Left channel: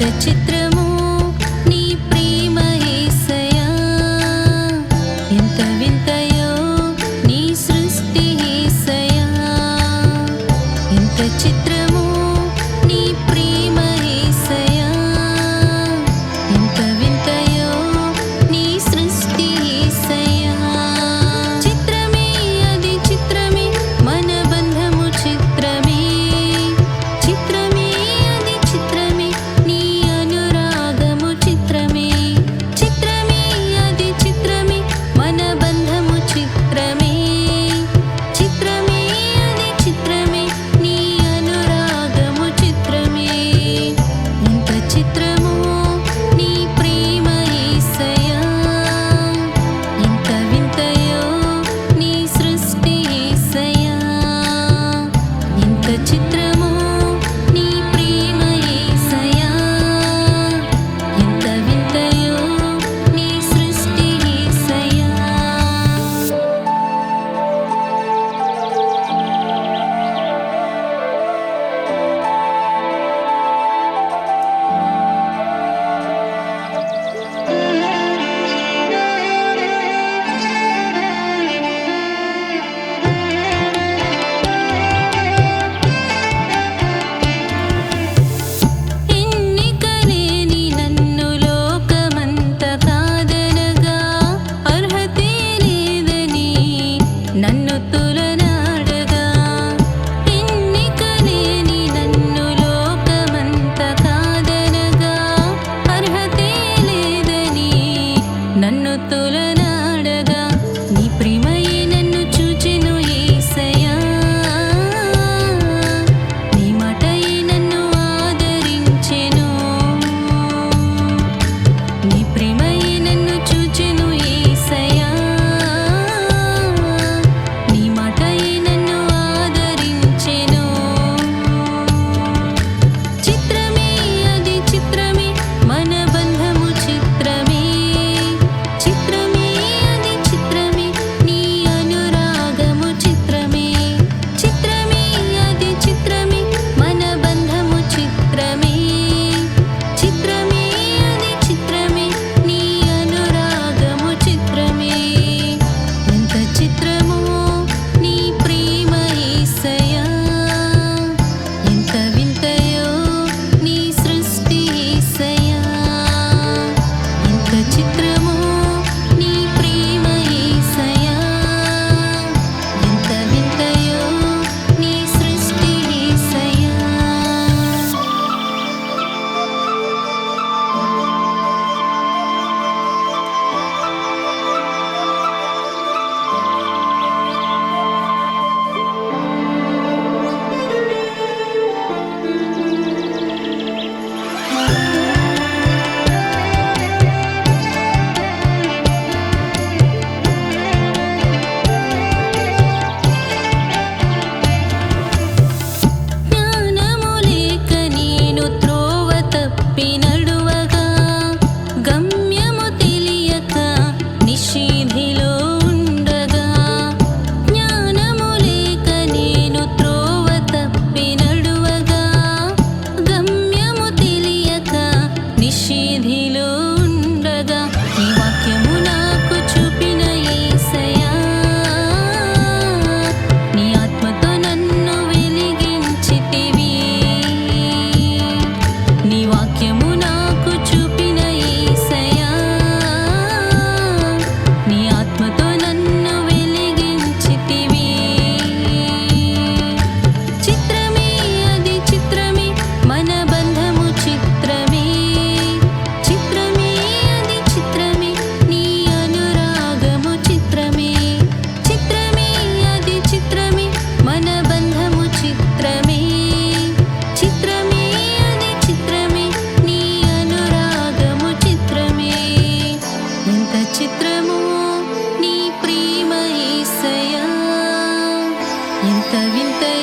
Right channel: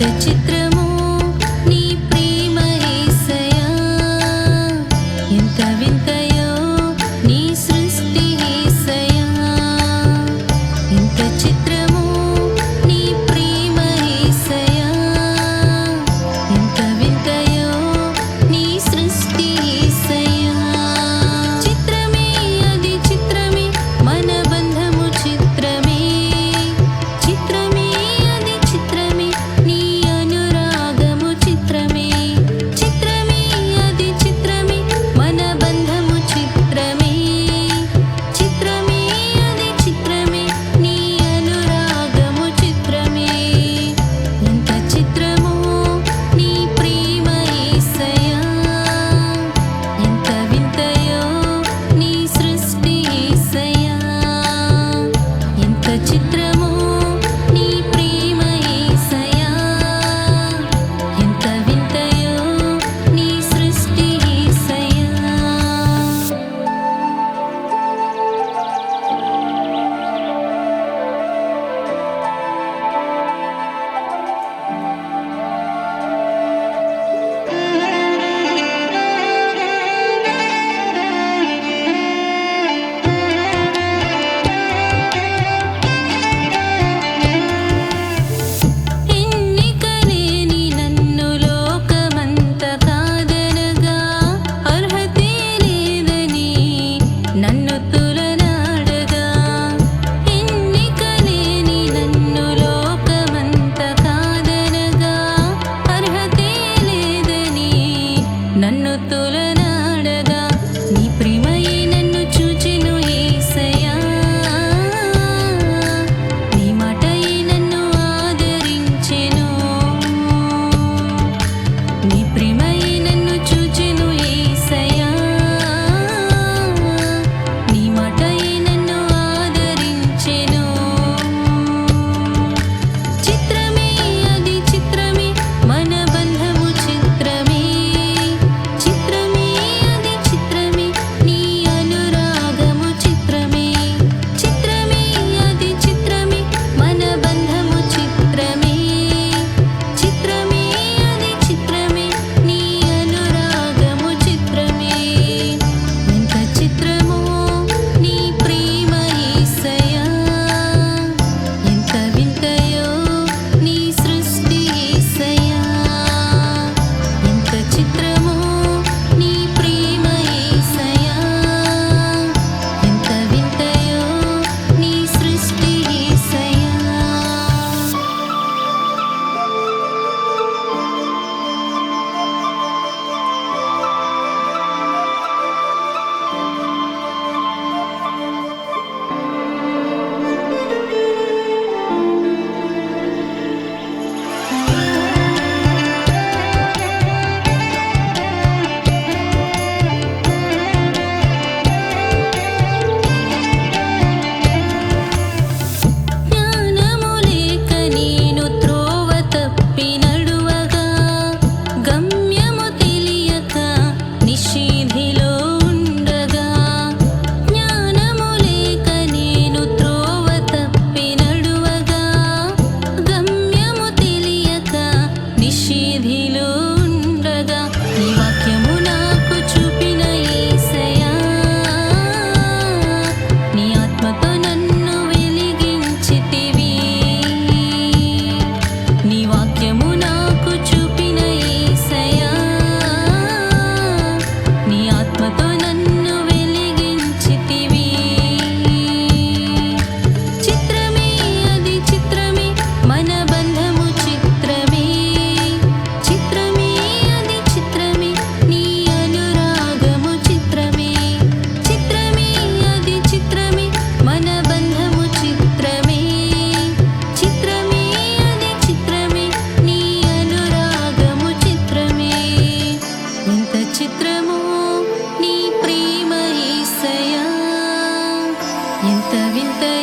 చిత్రము vinta,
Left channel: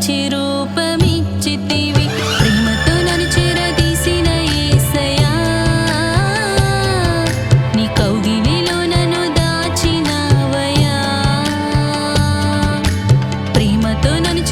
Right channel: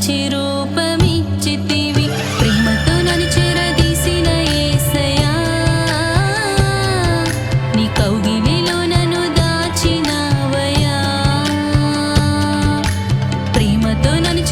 మంచి ప్రేమతో నన్ను ఏసయా నీ కౌగిలిలో నన్ను దాచినవయా ప్రేమతో నన్ను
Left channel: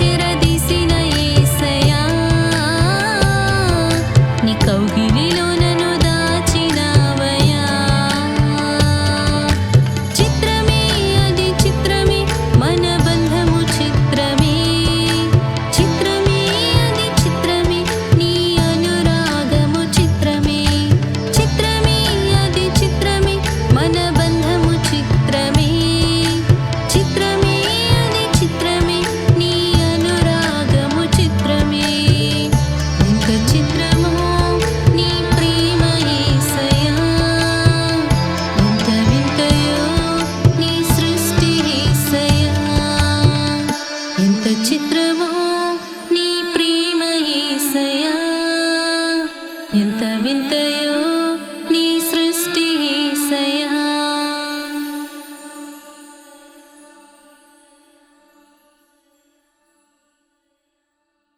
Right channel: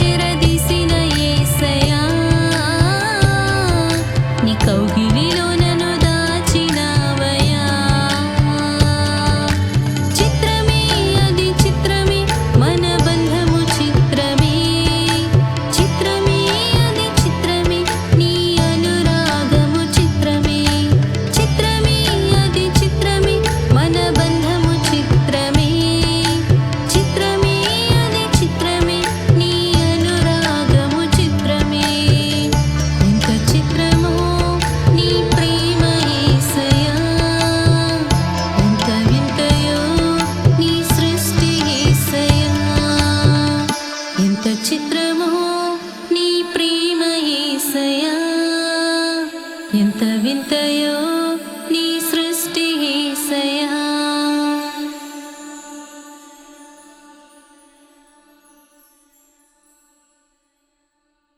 ఎంత వింతయో